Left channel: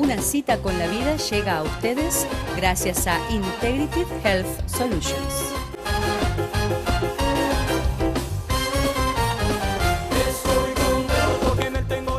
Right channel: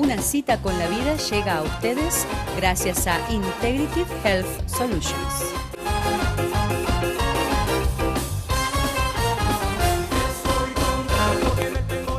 Una cita con la vida llega a ustedes gracias a Integrative Health Solutions.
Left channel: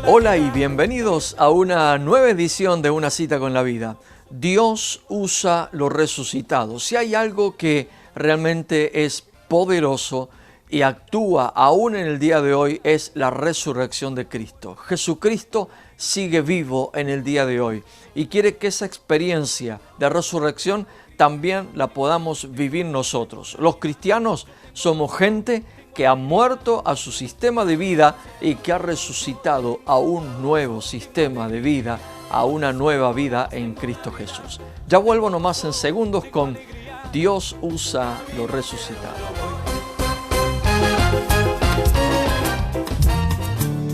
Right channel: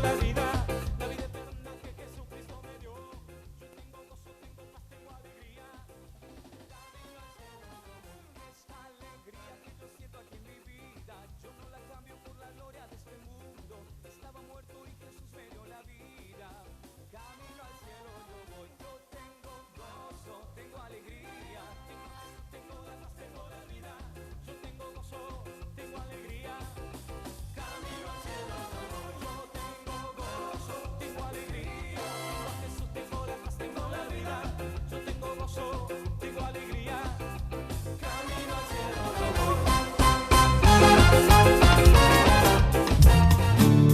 Hola y bienvenidos a una nueva edición de Una cita con la vida. Dios usa lo resucitado. Si hay algo que realmente es poderoso y actúa aún en el día de hoy, es la resurrección de Cristo. Jesucristo sigue vivo en el día de hoy y quiere que esa experiencia de resurrección también la podamos vivir nosotros. Los cristianos somos gente que ha muerto a su sistema de vida y que ha resucitado a un nuevo sistema de vida, a una nueva vida en Cristo Jesús. Ya vuelvo nomás en segundos con Dios usa lo resucitado.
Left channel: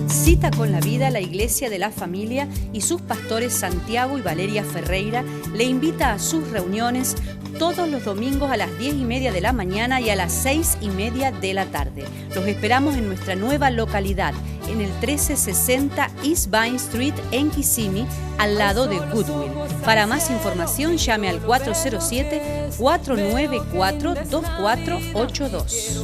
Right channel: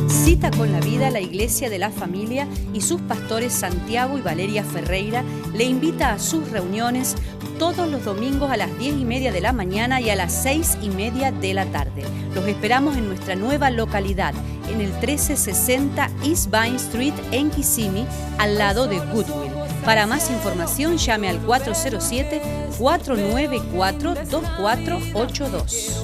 Cita con la vida, la Iglesia de la Familia y sus pastores Santiago y Valeria Ferreira le invita a sus reuniones todos los domingos a las 10:30 de la mañana y a las 6:30 de la tarde. Los esperamos en nuestra nueva localidad, en el 1360 East Vine Street en Kissimmee, al lado de Goodwill. Para más información llame al 407-494-2482.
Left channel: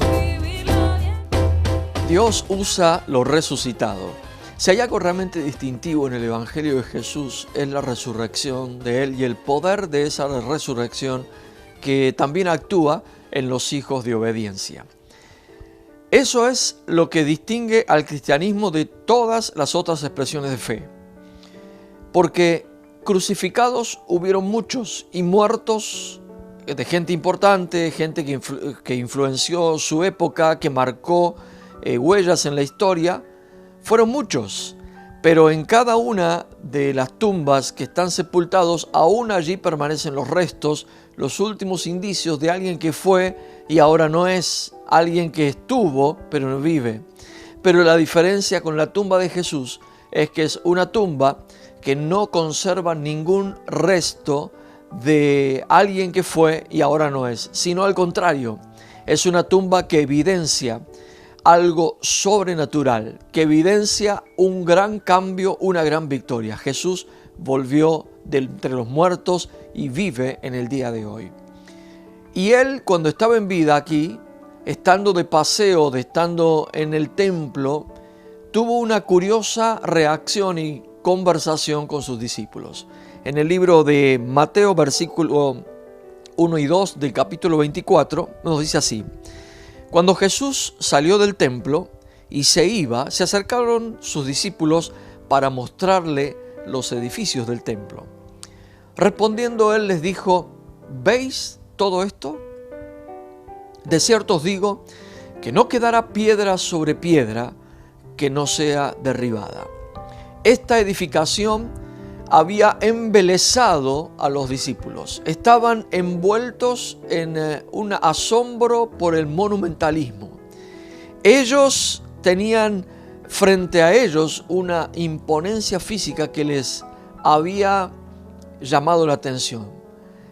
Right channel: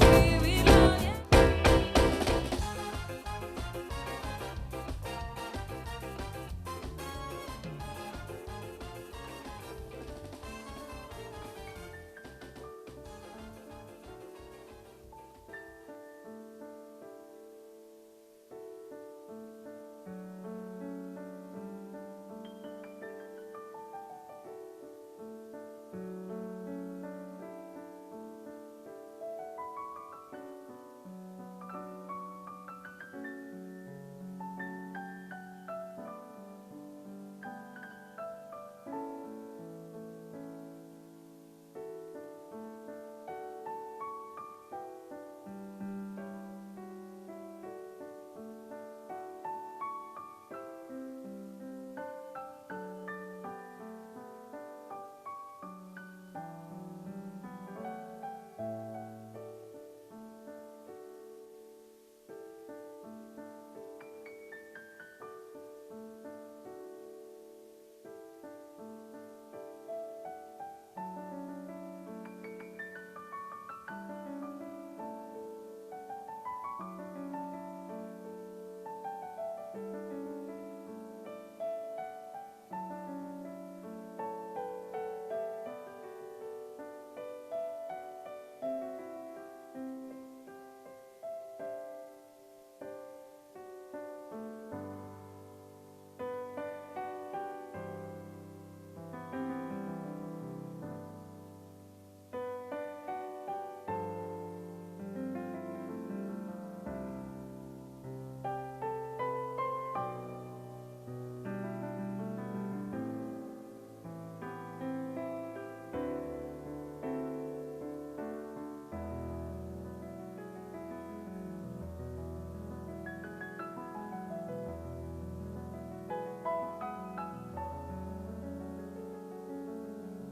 Dios usa lo resucitado. Si hay algo realmente distintivo en el Evangelio de Jesús, es la resurrección de Él y el poder de esa resurrección que también actúa en los hijos de obediencia. Eso es lo que distingue al cristianismo de todas las otras expresiones de fe. Porque crucificados hubieron muchos y muertos de gente importante, gente que influenció su época, que marcó huellas en la historia, fueron muchos, pero en cada una de las tumbas que están sepultados, aún allí permanecen los restos, los últimos indicios de alguien que fue y ahora no es, alguien que estuvo pero no vive. Pero la diferencia con la tumba de Jesús es que es una tumba que no conserva ningún resto de alguien que fue y ahora no es, sino al contrario, es una tumba que evidencia algo sobrenatural, que evidencia un gran cambio, una gran victoria. Jesús volvió de entre los muertos y vive en el día de hoy. Y Él, cuando estaba en vida aquí, estando de paseo, estando en el templo, tuvo una curiosa reacción y conversación con sus discípulos. En el libro de Mateo, versículo 1 y 2 del capítulo 24, nos dice así: Cuando Jesús salió del templo y se iba, se acercaron sus discípulos para mostrarle los edificios del templo. Respondiendo él les dijo: ¿Veis todo esto? De cierto os digo que no quedará piedra sobre piedra que no sea derribada. Esta edificación había embelesado a los discípulos. Estaban envueltos en un asombro por el monumentalismo. Ellos tenían frente a ellos una imponencia física que les había llamado la atención.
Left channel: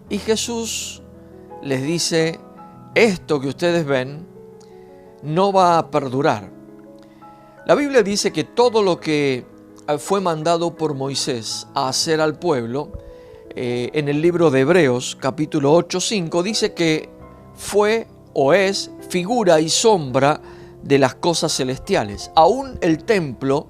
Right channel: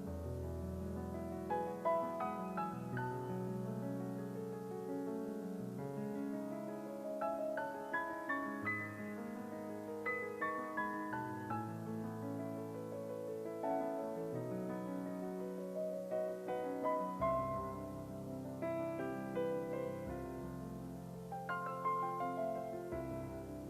Y Jesús les dice: esto que ustedes ven no va a perdurar. La Biblia dice que todo lo que fue mandado por Moisés a hacer al pueblo, en el libro de Hebreos, capítulo 8:5, dice que fue o es figura y sombra de las cosas celestiales. Aún el templo,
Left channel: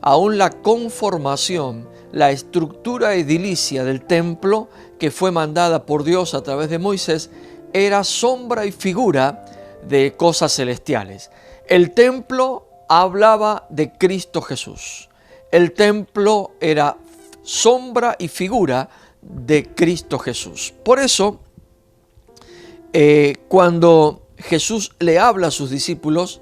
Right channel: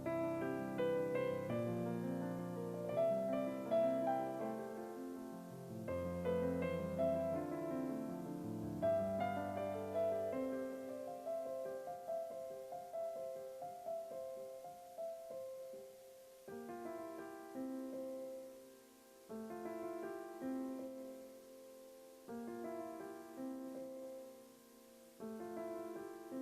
aún la conformación, la estructura edilicia del templo que fue mandada por Dios a través de Moisés, era sombra y figura de cosas celestiales. El templo hablaba de Cristo Jesús. El templo era sombra y figura de Cristo Jesús. Por eso, cuando Jesús le habla a sus discípulos,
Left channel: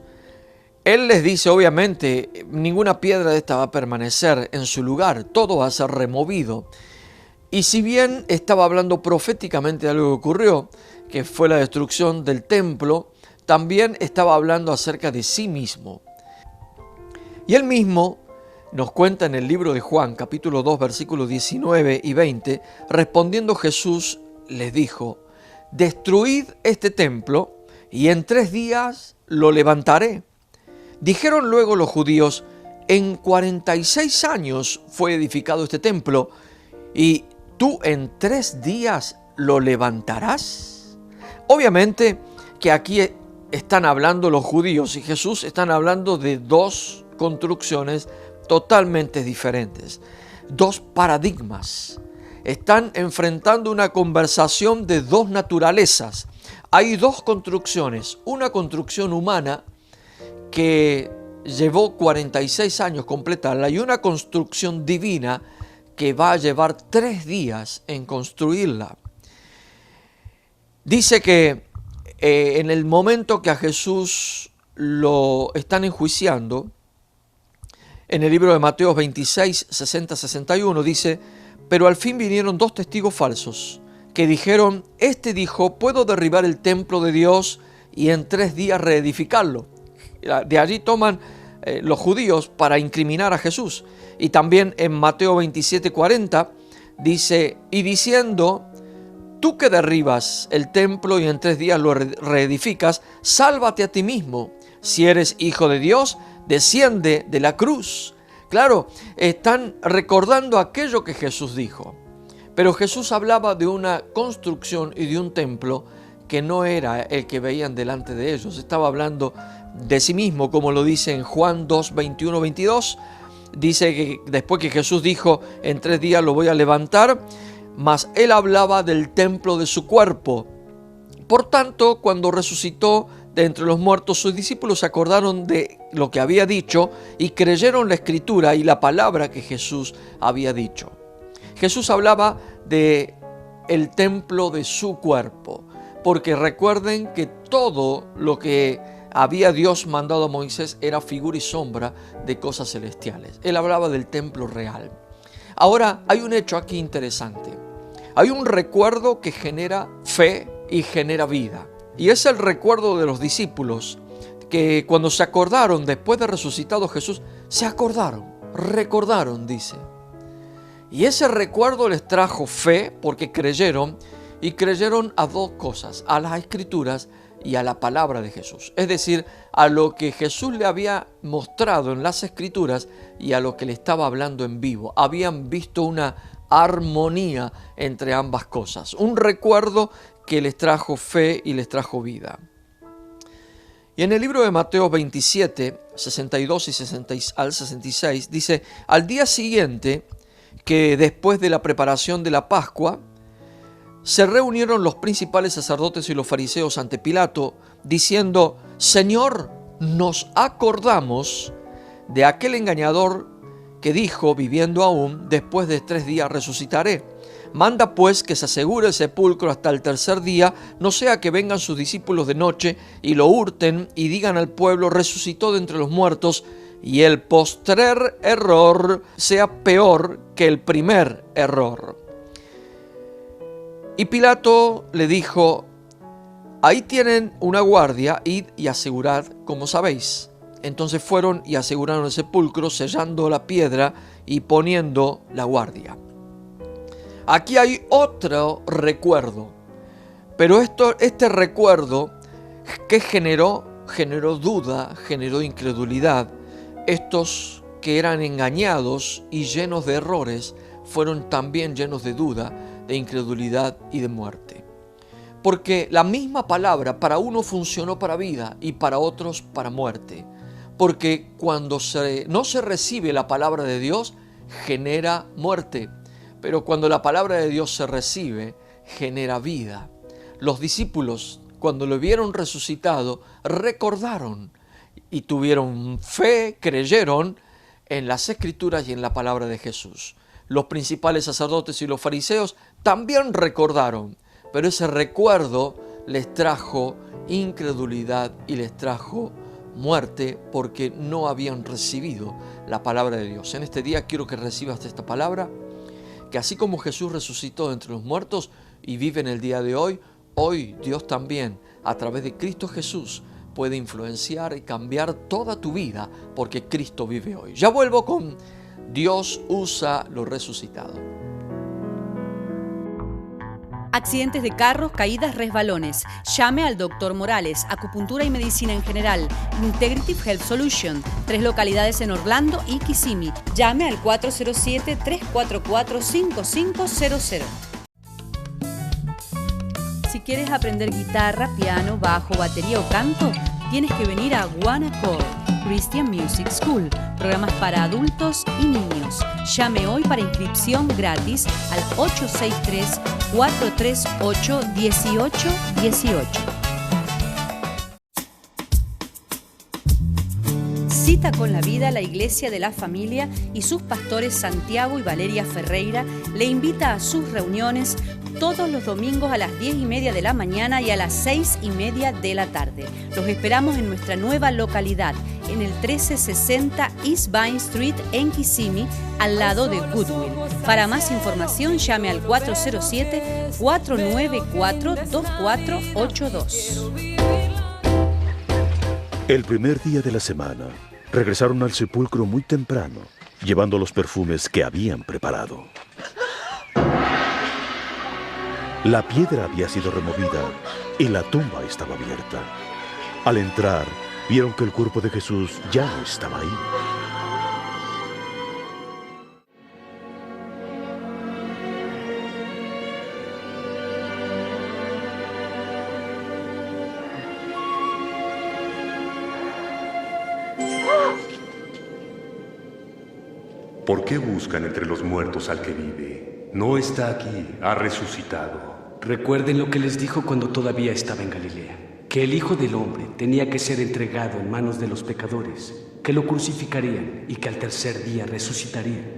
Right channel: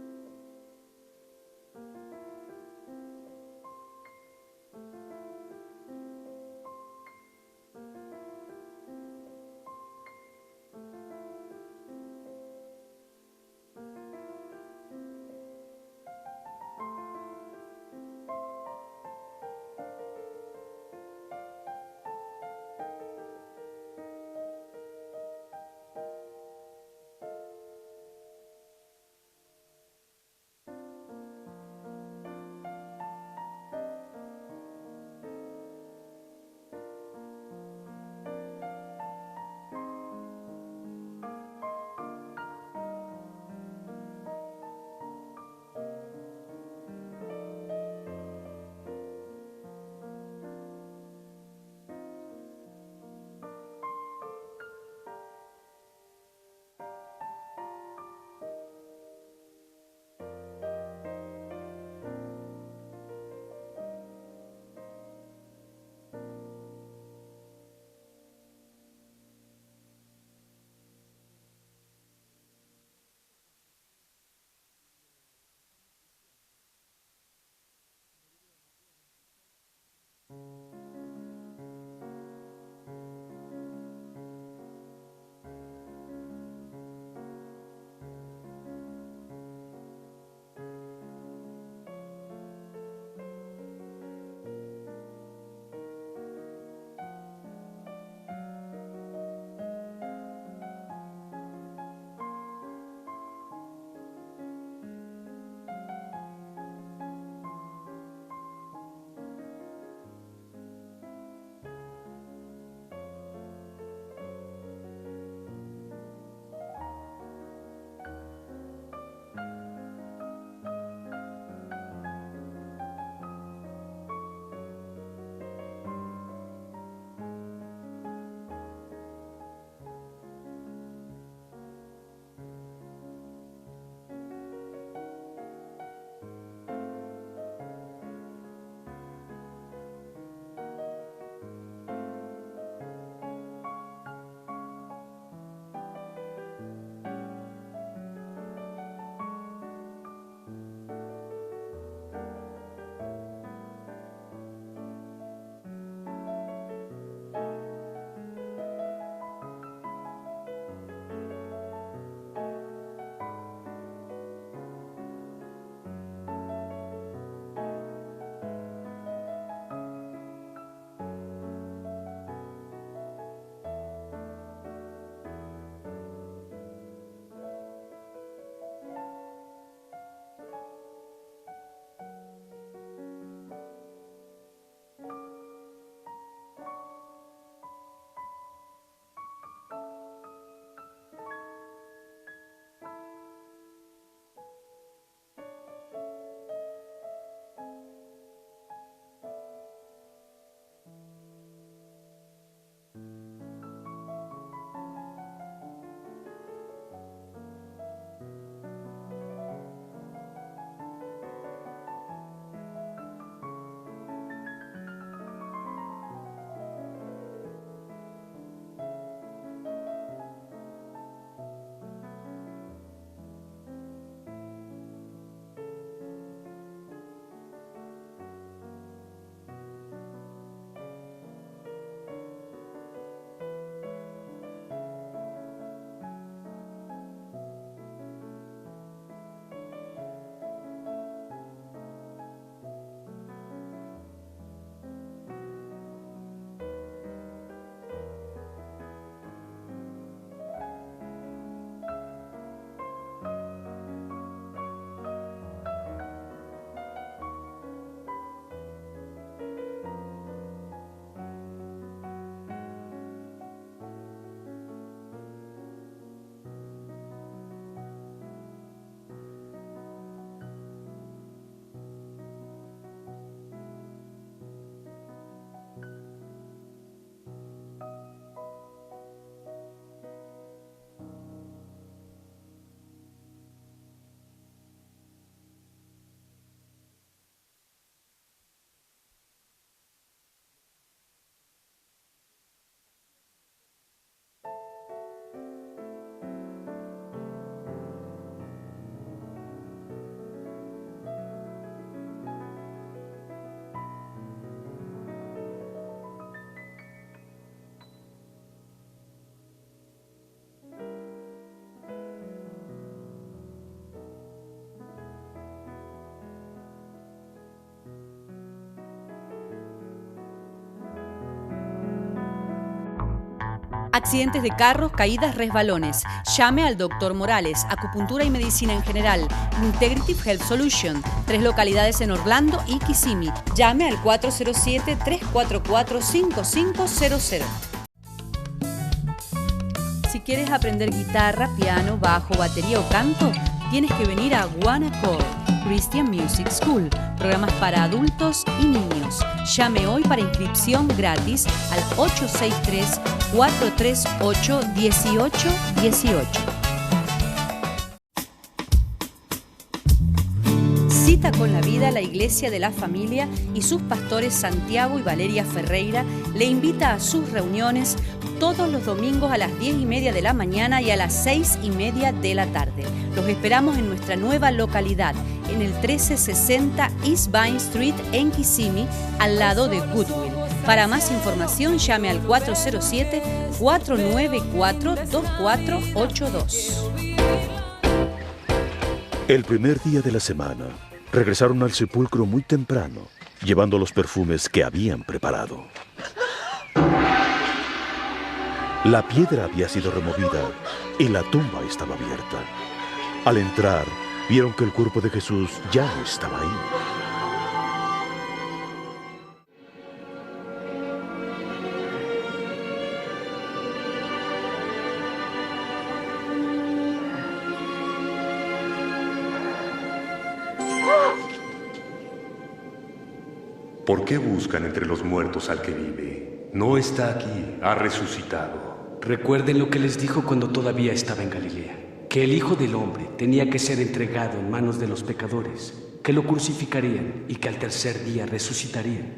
Él les dice, obviamente, ninguna piedra de esta va a permanecer en su lugar, todo va a ser removido. Y si bien estaba hablando proféticamente de algo que ocurrió, que fue la destrucción del templo, también estaba hablando acerca de sí mismo. Y Él mismo nos cuenta en el libro de Juan, capítulo 2, versículos 19 y 20, respondiendo Jesús les dijo: destruid este templo y en 3 días lo levantaré. Dijeron luego los judíos: en 46 años fue edificado este templo ¿Y tú en 3 días lo levantarás? Obviamente que aquí están hablando los judíos y Jesús, están hablando de 2 construcciones totalmente diferentes, 2 paradigmas. Están enfrentando una conversación de 2 naturalezas. Hay 2 construcciones, una construcción humana que llevó 46 años completarla y una construcción divina que va a llevar 3 días en construirla. Dice que en el momento que a Jesús lo están enjuiciando, en el libro de Mateo 26, 60-61 dice: pero al fin vinieron 2 testigos falsos que dijeron: este dijo, puedo derribar el templo de Dios y en 3 días reedificarlo. De allí toman los judíos para incriminar a Jesús. Y también en Mateo 27, 40 dice: y diciendo, tú que derribas el templo y en 3 días lo reedificas, sálvate a ti mismo. Si eres hijo de Dios, desciende de la cruz. Claro, están recordando aquello que Jesús dijo. Pero Jesús hablaba de una construcción y de un templo que no era el que veían delante de ellos. Estaba hablando de sí mismo, como lo dice en Juan 2, 21, 22. Dice que después que Jesús dijo, en 3 días lo voy a levantar, mas él hablaba del templo de su cuerpo. Por tanto, cuando resucitó de entre los muertos, sus discípulos se acordaron de lo que había dicho y creyeron la escritura y la palabra que Jesús había dicho. Jesús hablaba de el templo de su cuerpo, porque recuerden que todo lo que había Dios mandado a Moisés era figura y sombra de cosas celestiales. Él hablaba del templo real. Ahora hay un hecho aquí interesante. Hay un recuerdo que genera fe y genera vida. Y es el recuerdo de los discípulos que cuando se acordaron después de resucitado Jesús, se acordaron, recordaron, dice. Y ese recuerdo les trajo fe porque creyeron, y creyeron a 2 cosas: a las Escrituras y a la palabra de Jesús. Es decir, a lo que Jesús le había mostrado en las Escrituras y a lo que le estaba hablando en vivo. Habían visto una armonía entre ambas cosas. Un recuerdo que les trajo fe y les trajo vida. Y en el libro de Mateo 27, 62 y 66 dice: al día siguiente, que después de la preparación de la Pascua, se reunieron los principales sacerdotes y los fariseos ante Pilato, diciendo: Señor, nos acordamos de aquel engañador que dijo, viviendo aún, después de 3 días resucitaré. Manda pues que se asegure el sepulcro hasta el 3er día, no sea que vengan sus discípulos de noche y lo hurten y digan al pueblo: resucitó de entre los muertos, y el postrer error sea peor que el primer error. Y Pilato le dijo: ahí tienen una guardia, id y asegurad como sabéis. Entonces fueron y aseguraron el sepulcro, sellando la piedra y poniendo la guardia. Aquí hay otro recuerdo, pero este recuerdo que generó duda, generó incredulidad. Estos que eran engañados y llenos de errores fueron también llenos de duda, de incredulidad y de muerte. Porque la misma palabra para uno funcionó para vida y para otros para muerte. Porque cuando no se recibe la palabra de Dios, genera muerte. Pero cuando la palabra de Dios se recibe, genera vida. Los discípulos, cuando lo vieron resucitado, recordaron y tuvieron fe, creyeron en las Escrituras y en la palabra de Jesús. Los principales sacerdotes y los fariseos también recordaron, pero ese recuerdo les trajo incredulidad y les trajo muerte porque no habían recibido la palabra de Dios. En este día quiero que recibas esta palabra, que así como Jesús resucitó de entre los muertos y vive en el día de hoy, hoy Dios también, a través de Cristo Jesús, puede influenciar y cambiar toda tu vida porque Cristo vive hoy. Ya vuelvo con Dios usa lo resucitado. Accidentes de carros, caídas, resbalones. Llame al Dr. Morales, acupuntura y medicina en general. Integrative Health Solution, 3 localidades en Orlando y Kissimmee. Llame al 407-344-5500. Si quieres aprender guitarra, piano, bajo, batería o canto, tienes que venir a One Accord Christian Music School. Programas para adultos y niños. Llame hoy para inscripción gratis al 863-438-1818. Cita con la Vida, la Iglesia de la Familia y sus pastores Santiago y Valeria Ferreira le invita a sus reuniones todos los domingos a las 10:30 de la mañana y a las 6:30 de la tarde. Los esperamos en nuestra nueva localidad, en el 1360 East Vine Street en Kissimmee, al lado de Goodwill. Para más información llame al 407-494-2482. El primer día de la semana, regresaron al sepulcro muy temprano, llevando los perfumes que habían preparado. La piedra había sido removida y la tumba estaba abierta. Al entrar, vieron que el cuerpo de Jesús ya no estaba ahí. ¿Por qué buscan entre los muertos al que vive? No está aquí, ha resucitado. Recuerden lo que les dijo cuando todavía estaba en Galilea, que el Hijo del Hombre tenía que ser entregado en manos de los pecadores, que lo crucificarían y que al tercer día resucitaría.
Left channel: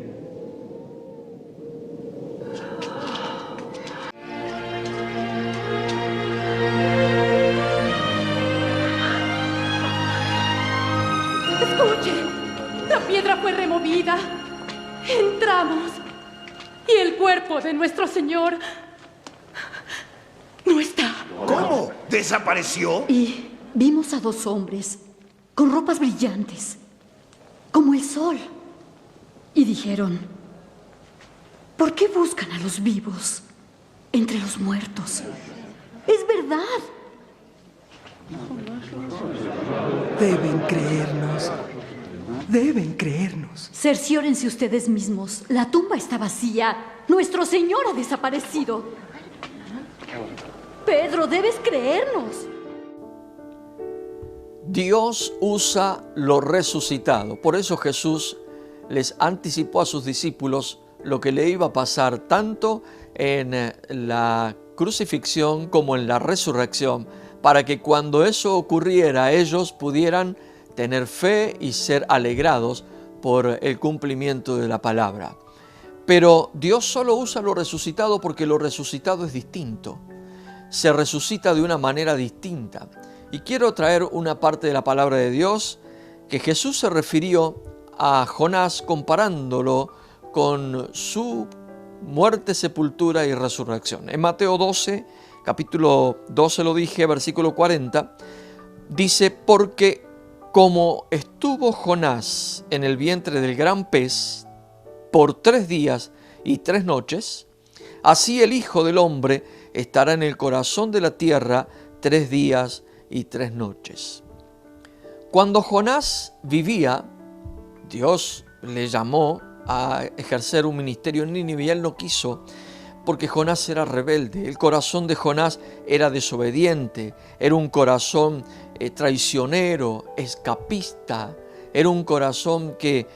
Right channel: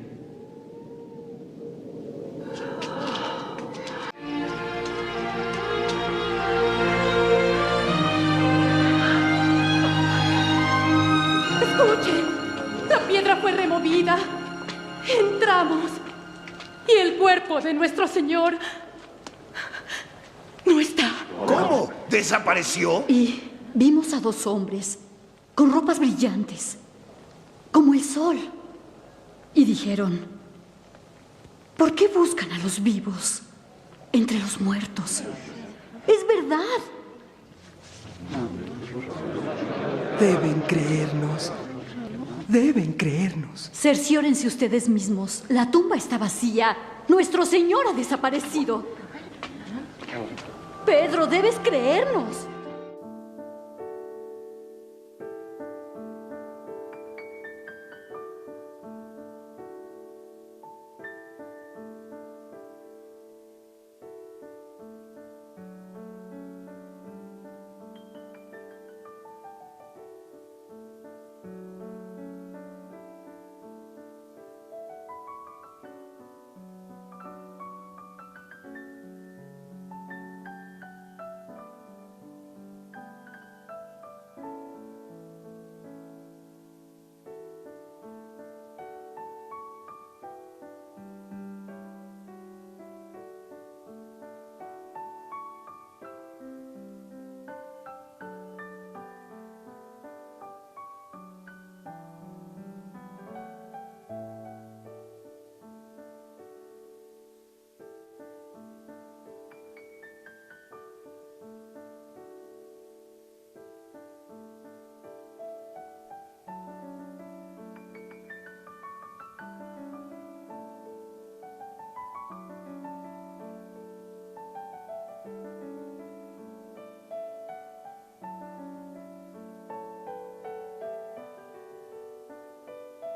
¡Escuchen! La piedra fue removida. Entramos y el cuerpo de nuestro Señor no está. ¿Cómo? ¿Desapareció? Y vimos a 2 hombres con ropas brillantes, como el sol. Y dijeron: ¿por qué buscan a los vivos entre los muertos? Es verdad. Deben creernos. Deben creernos. Cerciórense ustedes mismos. La tumba está vacía. Nuestro Señor ha desaparecido. Pedro, debes creernos. Dios usa lo resucitado. Por eso Jesús les anticipó a sus discípulos lo que le iba a pasar tanto en la crucifixión como en la resurrección, para que cuando eso ocurriera ellos pudieran tener fe y ser alegrados por el cumplimiento de la palabra. Pero Dios solo usa lo resucitado porque lo resucitado es distinto. Se resucita de una manera distinta. Y quiero traer una parte de la palabra de Dios que Jesús se refirió a Jonás comparándolo con su muerte, sepultura y resurrección. En Mateo 12, capítulo 12 lo dije, versículo 40, dice: porque como estuvo Jonás en el vientre del gran pez por 3 días y 3 noches, así el Hijo del Hombre estará en el corazón de la tierra 3 días y 3 noches. Cuando Jonás vivía, Dios le llamó a ejercer un ministerio en Nínive y él no quiso, porque Jonás era rebelde. El corazón de Jonás era desobediente, era un corazón traicionero, escapista, era un corazón que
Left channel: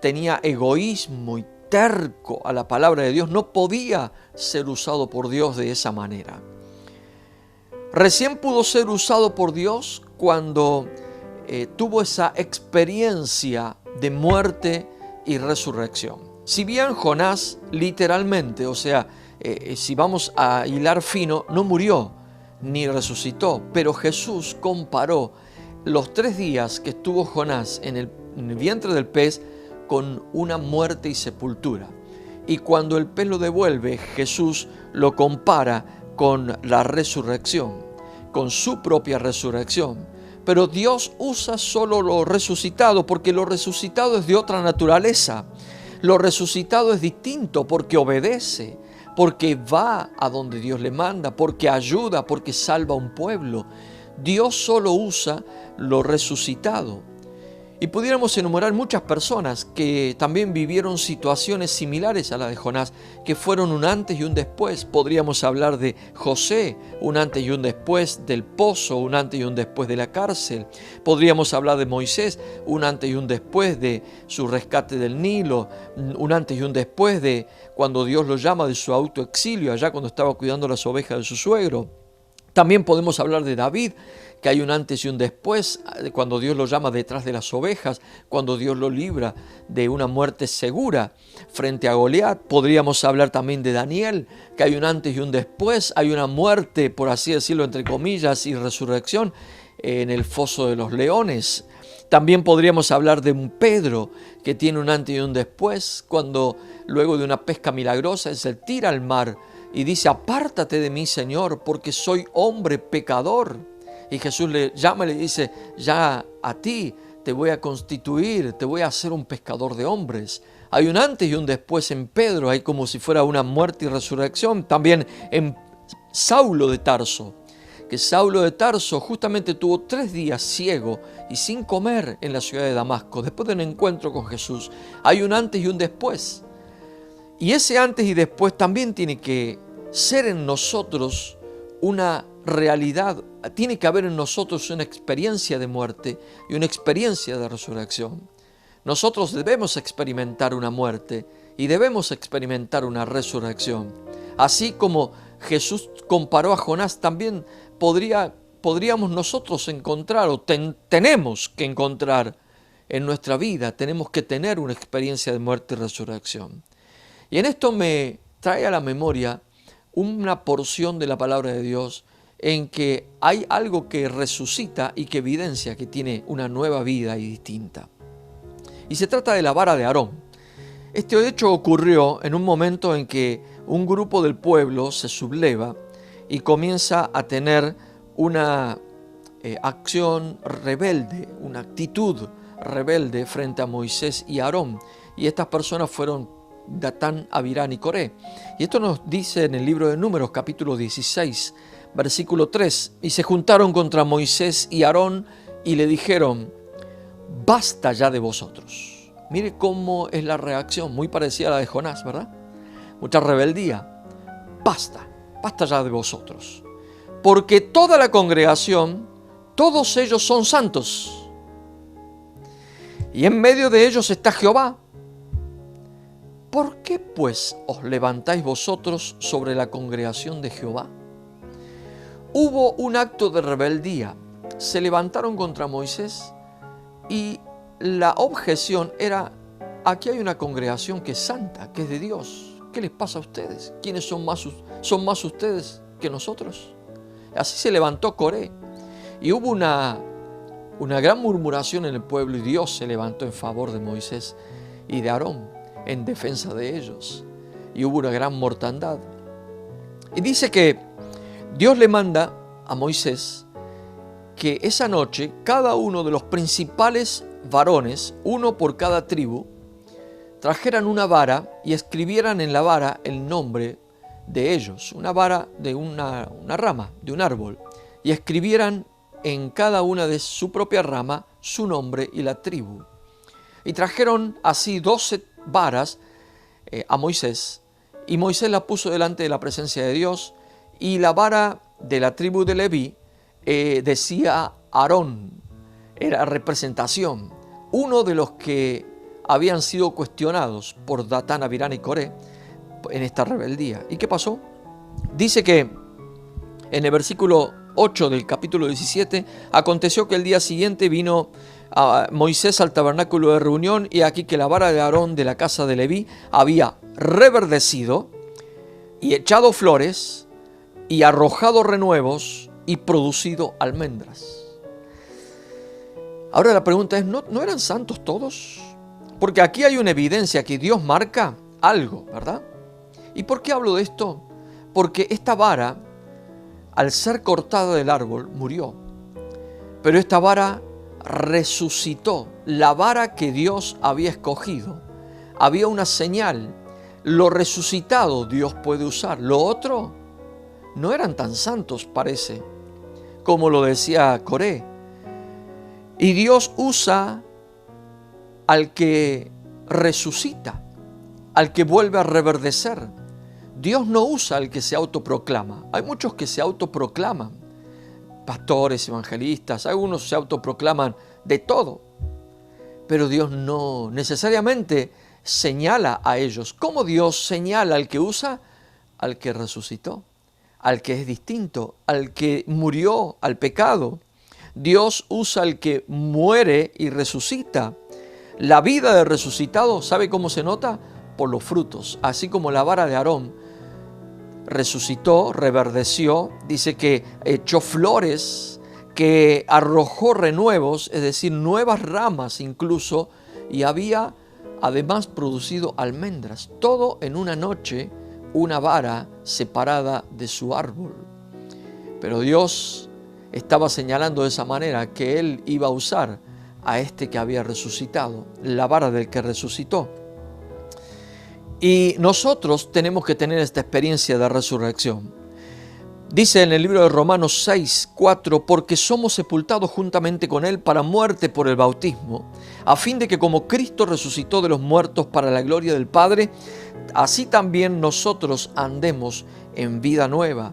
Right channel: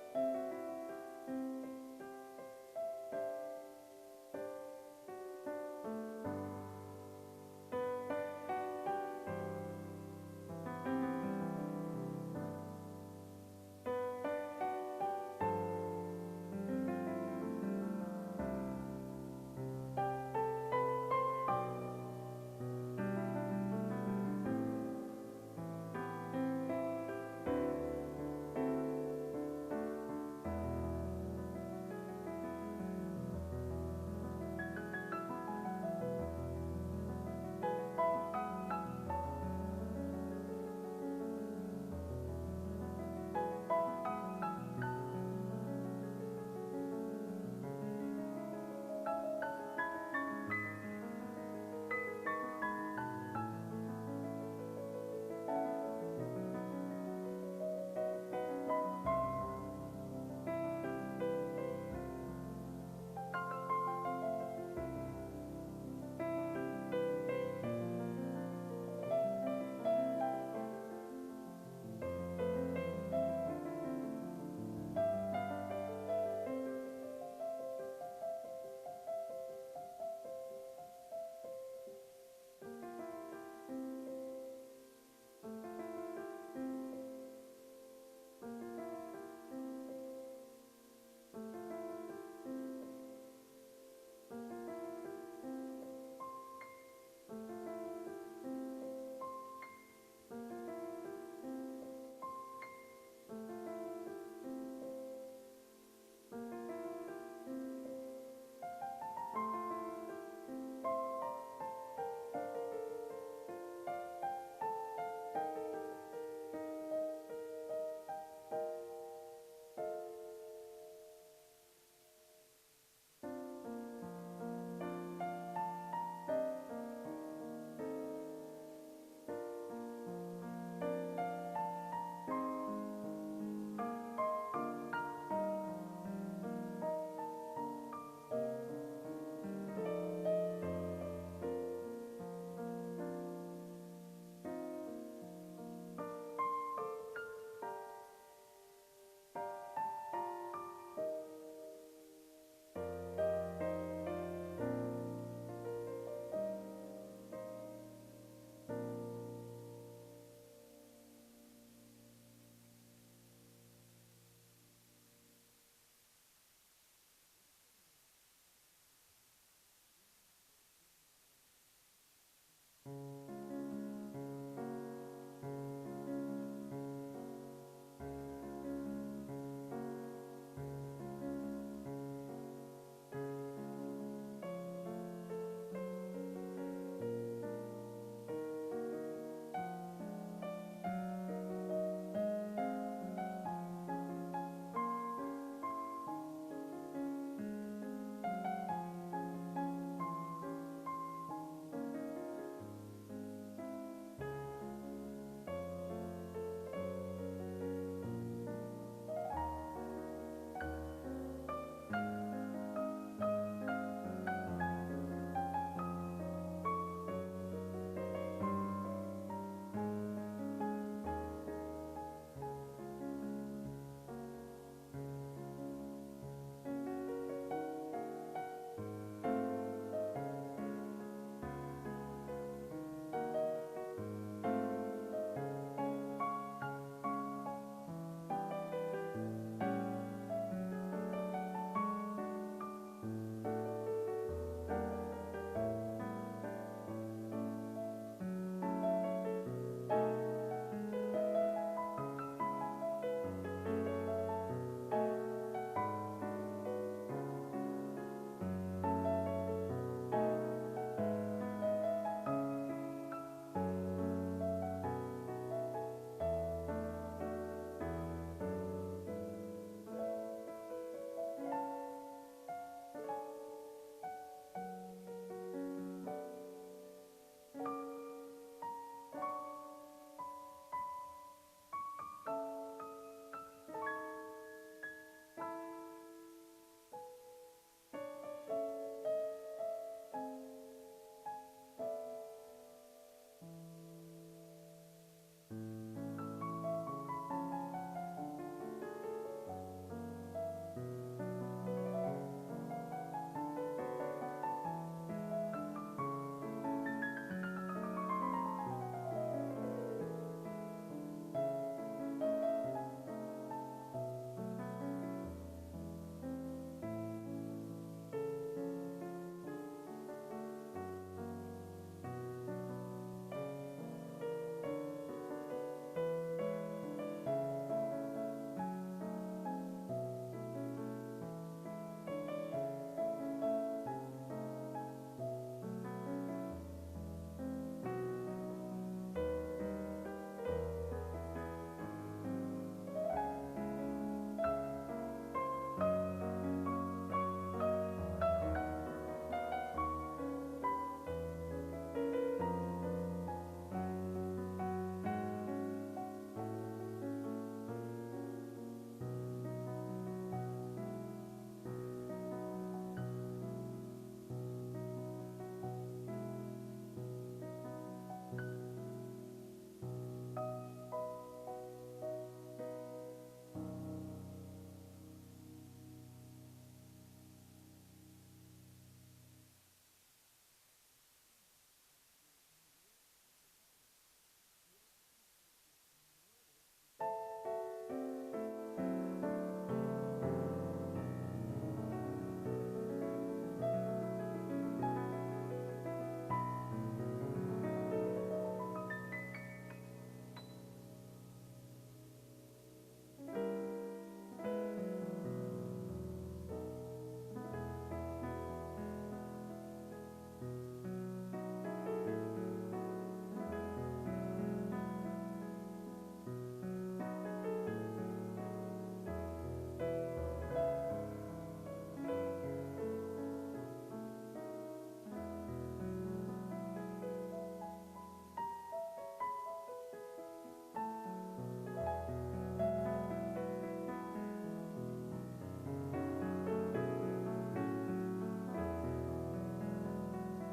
tenía egoísmo y terco a la palabra de Dios. No podía ser usado por Dios de esa manera. Recién pudo ser usado por Dios cuando tuvo esa experiencia de muerte y resurrección. Si bien Jonás literalmente, o sea, si vamos a hilar fino, no murió ni resucitó, pero Jesús comparó los 3 días que estuvo Jonás en el vientre del pez con una muerte y sepultura. Y cuando el pez lo devuelve, Jesús lo compara con la resurrección, con su propia resurrección. Pero Dios usa solo lo resucitado porque lo resucitado es de otra naturaleza. Lo resucitado es distinto porque obedece, porque va a donde Dios le manda, porque ayuda, porque salva a un pueblo. Dios solo usa lo resucitado. Y pudiéramos enumerar muchas personas que también vivieron situaciones similares a la de Jonás, que fueron un antes y un después. Podríamos hablar de José, un antes y un después del pozo, un antes y un después de la cárcel. Podríamos hablar de Moisés, un antes y un después de su rescate del Nilo, un antes y un después de cuando Dios lo llama de su autoexilio, allá cuando estaba cuidando las ovejas de su suegro. También podemos hablar de David, que hay un antes y un después, cuando Dios lo llama detrás de las ovejas, cuando Dios lo libra de una muerte segura frente a Goliat. Podríamos hablar también de Daniel, que hay un antes y un después, hay una muerte, por así decirlo, entre comillas, y resurrección en el foso de los leones. También podríamos hablar de un Pedro, que tiene un antes y un después, cuando luego de una pesca milagrosa él se tira al mar y dice: apártate de mí, Señor, porque soy hombre pecador. Y Jesús le llama y le dice: ya a ti te voy a constituir, te voy a hacer un pescador de hombres. Hay un antes y un después en Pedro, hay como si fuera una muerte y resurrección. También en Saulo de Tarso, que Saulo de Tarso justamente tuvo 3 días ciego y sin comer en la ciudad de Damasco, después de un encuentro con Jesús. Hay un antes y un después. Y ese antes y después también tiene que ser en nosotros una realidad, tiene que haber en nosotros una experiencia de muerte y una experiencia de resurrección. Nosotros debemos experimentar una muerte y debemos experimentar una resurrección. Así como Jesús comparó a Jonás, también podríamos nosotros encontrar o tenemos que encontrar en nuestra vida, tenemos que tener una experiencia de muerte y resurrección. Y en esto me trae a la memoria una porción de la palabra de Dios en que hay algo que resucita y que evidencia que tiene una nueva vida y distinta. Y se trata de la vara de Aarón. Este hecho ocurrió en un momento en que un grupo del pueblo se subleva y comienza a tener una acción rebelde, una actitud rebelde frente a Moisés y Aarón. Y estas personas fueron Datán, Abirán y Coré. Y esto nos dice en el libro de Números, capítulo 16, versículo 3. Y se juntaron contra Moisés y Aarón y le dijeron: basta ya de vosotros. Mire cómo es la reacción, muy parecida a la de Jonás, ¿verdad? Mucha rebeldía. Basta ya de vosotros. Porque toda la congregación, todos ellos son santos. Y en medio de ellos está Jehová. ¿Por qué pues os levantáis vosotros sobre la congregación de Jehová? Hubo un acto de rebeldía. Se levantaron contra Moisés y la objeción era: aquí hay una congregación que es santa, que es de Dios. ¿Qué les pasa a ustedes? ¿Quiénes son más ustedes que nosotros? Así se levantó Coré. Y hubo una gran murmuración en el pueblo y Dios se levantó en favor de Moisés y de Aarón, en defensa de ellos. Y hubo una gran mortandad. Y dice que Dios le manda a Moisés que esa noche cada uno de los principales varones, uno por cada tribu, trajeran una vara y escribieran en la vara el nombre de ellos, una vara de una rama, de un árbol, y escribieran en cada una de su propia rama su nombre y la tribu. Y trajeron así 12 varas a Moisés, y Moisés la puso delante de la presencia de Dios, y la vara de la tribu de Leví decía Aarón, era representación, uno de los que habían sido cuestionados por Datán, Abirán y Coré en esta rebeldía. ¿Y qué pasó? Dice que en el versículo 8 del capítulo 17, aconteció que el día siguiente vino a Moisés al tabernáculo de reunión, y aquí que la vara de Aarón de la casa de Leví había reverdecido y echado flores y arrojado renuevos y producido almendras. Ahora la pregunta es, ¿no eran santos todos? Porque aquí hay una evidencia que Dios marca algo, ¿verdad? ¿Y por qué hablo de esto? Porque esta vara, al ser cortada del árbol, murió. Pero esta vara resucitó. La vara que Dios había escogido. Había una señal lo resucitado Dios puede usar. Lo otro no eran tan santos, parece, como lo decía Coré. Y Dios usa al que resucita, al que vuelve a reverdecer. Dios no usa al que se autoproclama. Hay muchos que se autoproclaman, pastores, evangelistas, algunos se autoproclaman de todo, pero Dios no necesariamente señala a ellos. ¿Cómo Dios señala al que usa? Al que resucitó, al que es distinto, al que murió al pecado. Dios usa al que muere y resucita. La vida del resucitado, ¿sabe cómo se nota? Por los frutos. Así como la vara de Aarón resucitó, reverdeció, dice que echó flores, que arrojó renuevos, es decir, nuevas ramas incluso, y había además producido almendras. Todo en una noche, una vara separada de su árbol. Pero Dios estaba señalando de esa manera que Él iba a usar a este que había resucitado, la vara del que resucitó. Y nosotros tenemos que tener esta experiencia de resurrección. Dice en el libro de Romanos 6, 4, porque somos sepultados juntamente con Él para muerte por el bautismo, a fin de que como Cristo resucitó de los muertos para la gloria del Padre, así también nosotros andemos en vida nueva.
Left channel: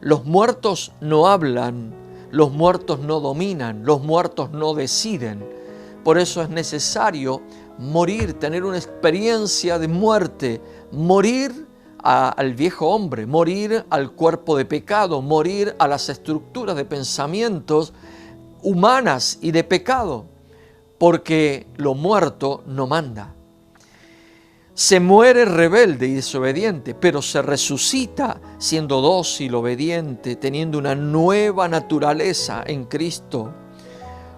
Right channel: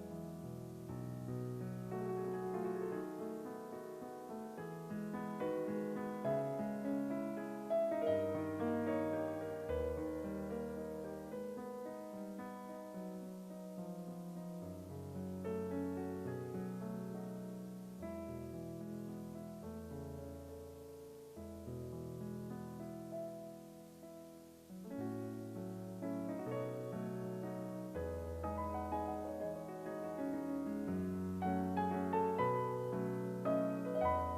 Los muertos no hablan, los muertos no dominan, los muertos no deciden. Por eso es necesario morir, tener una experiencia de muerte, morir al viejo hombre, morir al cuerpo de pecado, morir a las estructuras de pensamientos humanas y de pecado, porque lo muerto no manda. Se muere rebelde y desobediente, pero se resucita siendo dócil, obediente, teniendo una nueva naturaleza en Cristo.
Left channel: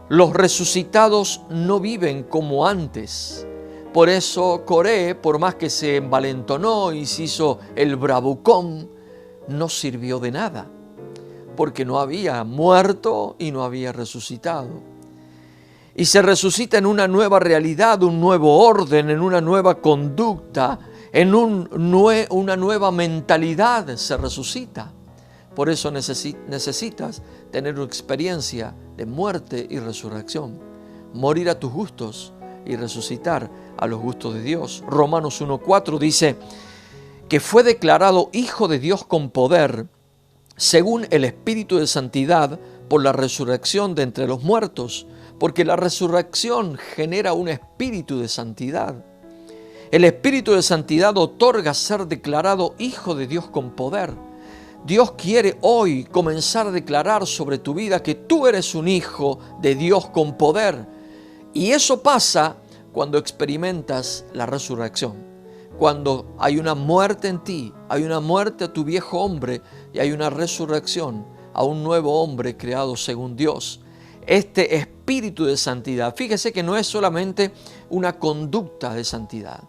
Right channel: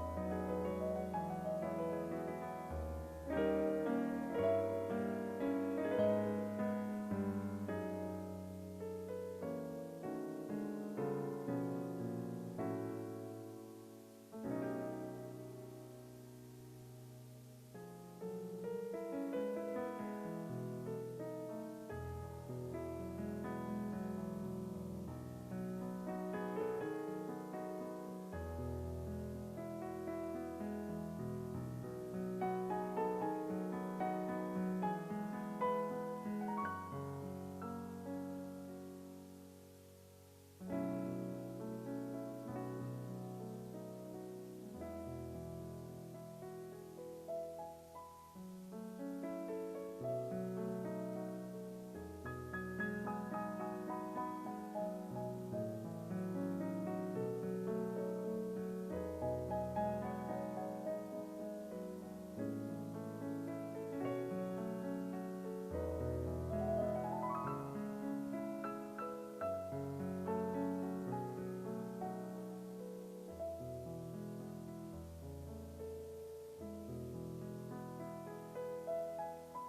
Los resucitados no viven como antes. Por eso Coré, por más que se envalentonó y se hizo el bravucón, no sirvió de nada, porque no había muerto y no había resucitado. Y se resucita en una nueva realidad, un nuevo orden, en una nueva conducta, en una nueva mentalidad se resucita. Por eso necesitas tener una experiencia de muerte y resurrección, morir a tus gustos y resucitar a los gustos de Dios. Romanos 1:4 dice que fue declarado Hijo de Dios con poder, según el Espíritu de Santidad, por la resurrección de entre los muertos, porque la resurrección genera un espíritu de santidad. El Espíritu de Santidad otorga ser declarado Hijo de Dios con poder. Dios quiere hoy comenzar a declarar sobre tu vida que tú eres un hijo de Dios con poder. Y eso pasa cuando experimentas la resurrección. Cuando hay una muerte en ti, hay una muerte a tu viejo hombre y hay una resurrección a un nuevo hombre creado según Dios. Este espíritu de santidad, fíjese que no es solamente una conducta de santidad.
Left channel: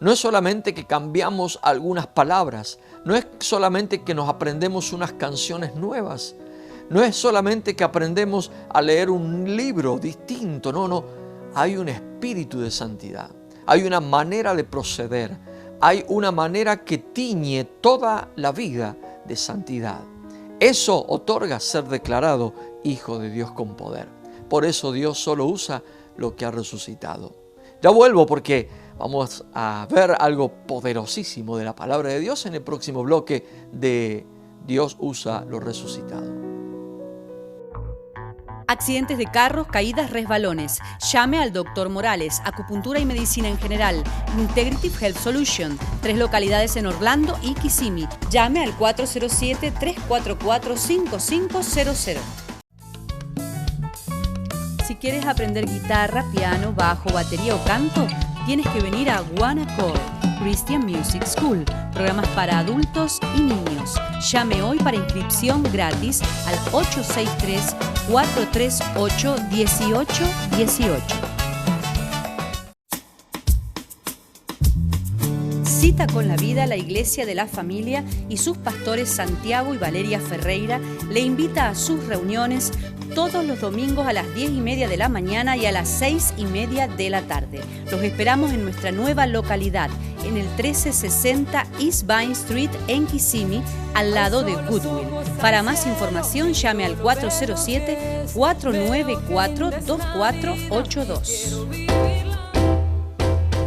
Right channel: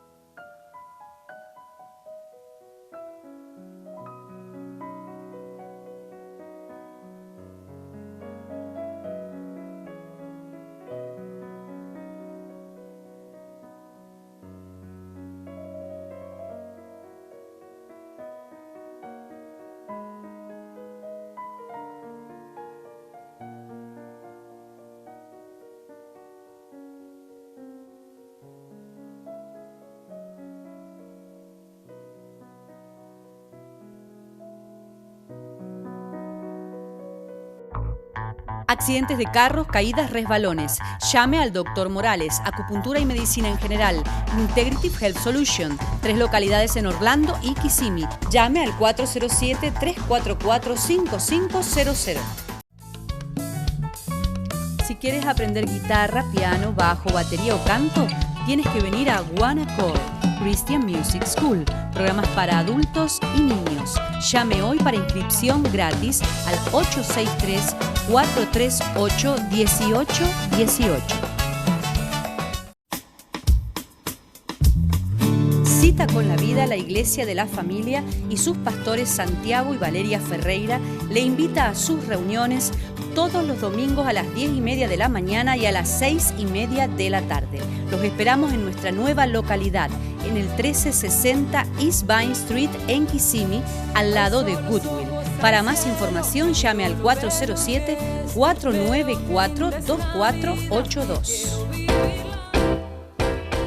No es solamente que cambiamos algunas palabras, no es solamente que nos aprendemos unas canciones nuevas, no es solamente que aprendemos a leer un libro distinto, no, hay un espíritu de santidad, hay una manera de proceder, hay una manera que tiñe toda la vida de santidad. Eso otorga ser declarado Hijo de Dios con poder. Por eso Dios solo usa lo que ha resucitado. Ya vuelvo porque vamos a ver algo poderosísimo de la palabra de Dios en el próximo bloque de Dios usa lo resucitado. Accidentes de carros, caídas, resbalones. Llame al Dr. Morales, acupuntura y medicina en general. Integrative Health Solution, 3 localidades en Orlando y Kissimmee. Llame al 407-344-5500. Si quieres aprender guitarra, piano, bajo, batería o canto, tienes que venir a One Accord Christian Music School, programas para adultos y niños. Llame hoy para inscripción gratis al 863-438-1818. Si cita con la vida, la Iglesia de la Familia y sus pastores Santiago y Valeria Ferreira le invita a sus reuniones todos los domingos a las 10:30 de la mañana y a las 6:30 de la tarde. Los esperamos en nuestra nueva localidad, en el 1360 East Vine Street en Kissimmee, al lado de Goodwill. Para más información llame al 407-494-2482.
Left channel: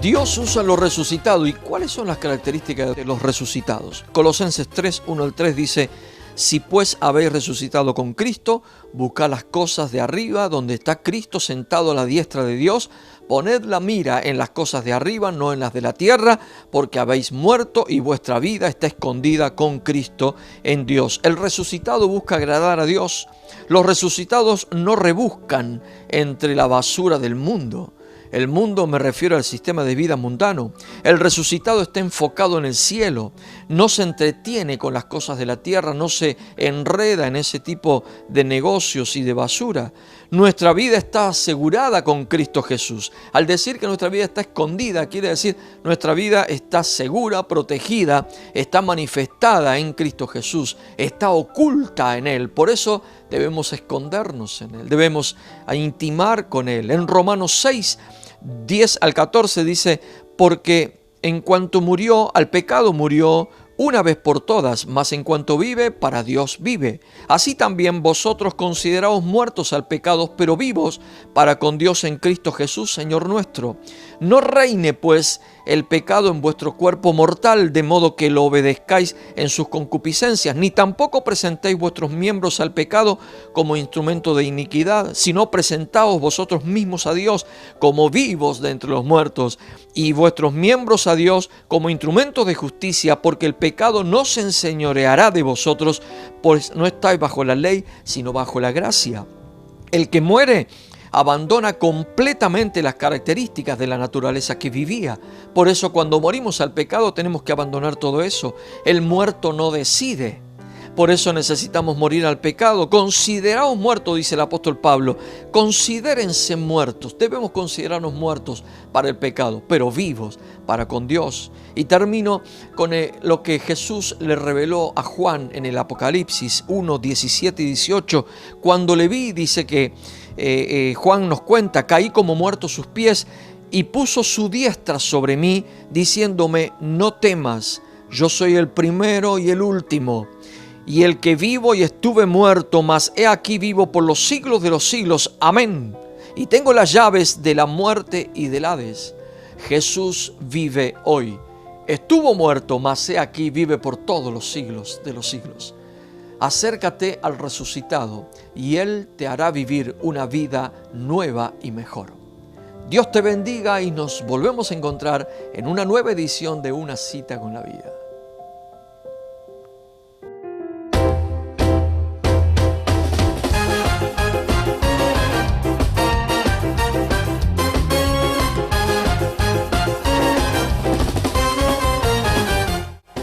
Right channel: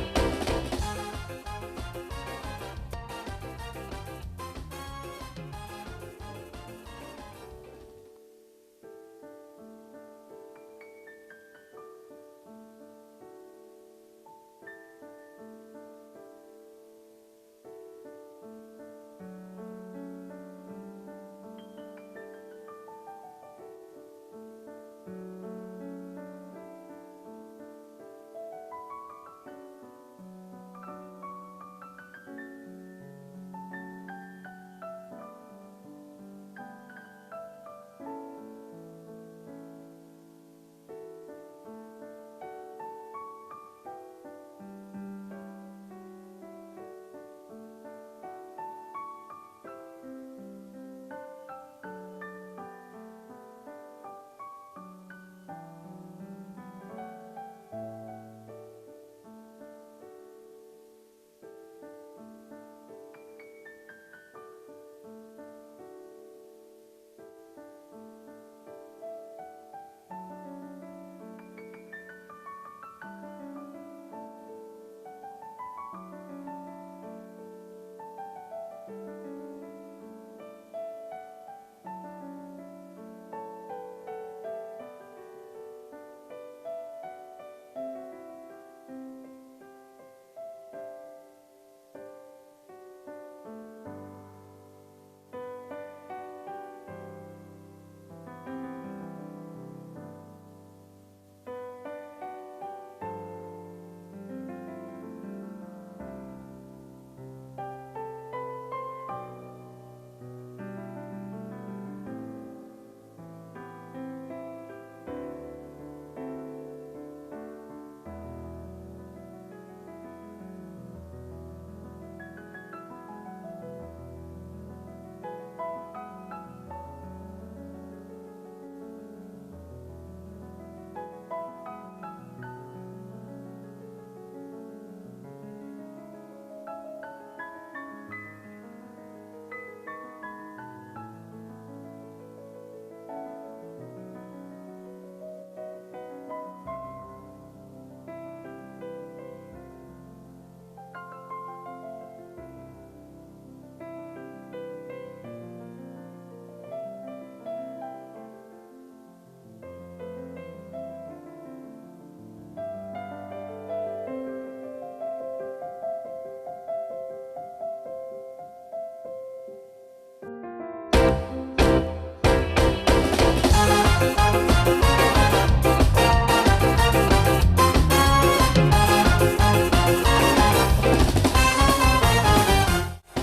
Dios usa los resucitados. ¿Y cuáles son las características de los resucitados? Colosenses 3, 1 al 3 dice: si pues habéis resucitado con Cristo, buscad las cosas de arriba, donde está Cristo sentado a la diestra de Dios. Poned la mira en las cosas de arriba, no en las de la tierra, porque habéis muerto y vuestra vida está escondida con Cristo en Dios. El resucitado busca agradar a Dios. Los resucitados no rebuscan entre la basura del mundo. El mundo, me refiero al sistema de vida mundano. El resucitado está enfocado en el cielo. No se entretiene con las cosas de la tierra, no se enreda en ese tipo de negocios y de basura. Nuestra vida está asegurada con Cristo Jesús. Al decir que nuestra vida está escondida, quiere decir nuestra vida está segura, protegida, está manifestada en Cristo Jesús, está oculta en Él. Por eso debemos escondernos en Él, debemos intimar con Él. En Romanos 6, 10 al 14 dice: porque en cuanto murió, al pecado murió una vez por todas, mas en cuanto vive, para Dios vive. Así también vosotros consideraos muertos al pecado, pero vivos para con Dios en Cristo Jesús, Señor nuestro. No reine pues el pecado en vuestro cuerpo mortal, de modo que lo obedezcáis en sus concupiscencias, ni tampoco presentéis vuestros miembros al pecado como instrumento de iniquidad, sino presentaos vosotros mismos a Dios como vivos de entre los muertos, y vuestros miembros a Dios como instrumentos de justicia, porque el pecado no se enseñoreará de vosotros, pues no estáis bajo la ley, sino bajo la gracia. El que muere abandona completamente las características de la naturaleza que vivía. Por eso cuando morimos al pecado tenemos que abandonar todo eso. El muerto no decide. Por eso necesitamos morir al pecado. Consideraos muertos, dice el apóstol Pablo. Considérense muertos. Debemos considerarnos muertos para el pecado, pero vivos para con Dios. Y termino con lo que Jesús le reveló a Juan en el Apocalipsis 1, 17 y 18. Cuando le vi, dice que Juan nos cuenta: caí como muerto a sus pies y puso su diestra sobre mí, diciéndome: no temas, yo soy el primero y el último, y el que vivo y estuve muerto, mas he aquí vivo por los siglos de los siglos. Amén. Y tengo las llaves de la muerte y del Hades. Jesús vive hoy. Estuvo muerto, mas he aquí vive por todos los siglos de los siglos. Acércate al resucitado y Él te hará vivir una vida nueva y mejor. Dios te bendiga y nos volvemos a encontrar en una nueva edición de Una Cita con la Vida.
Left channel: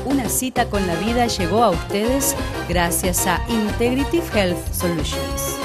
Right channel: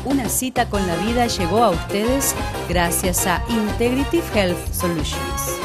Una Cita con la Vida llegó a ustedes gracias a Integrative Health Solutions.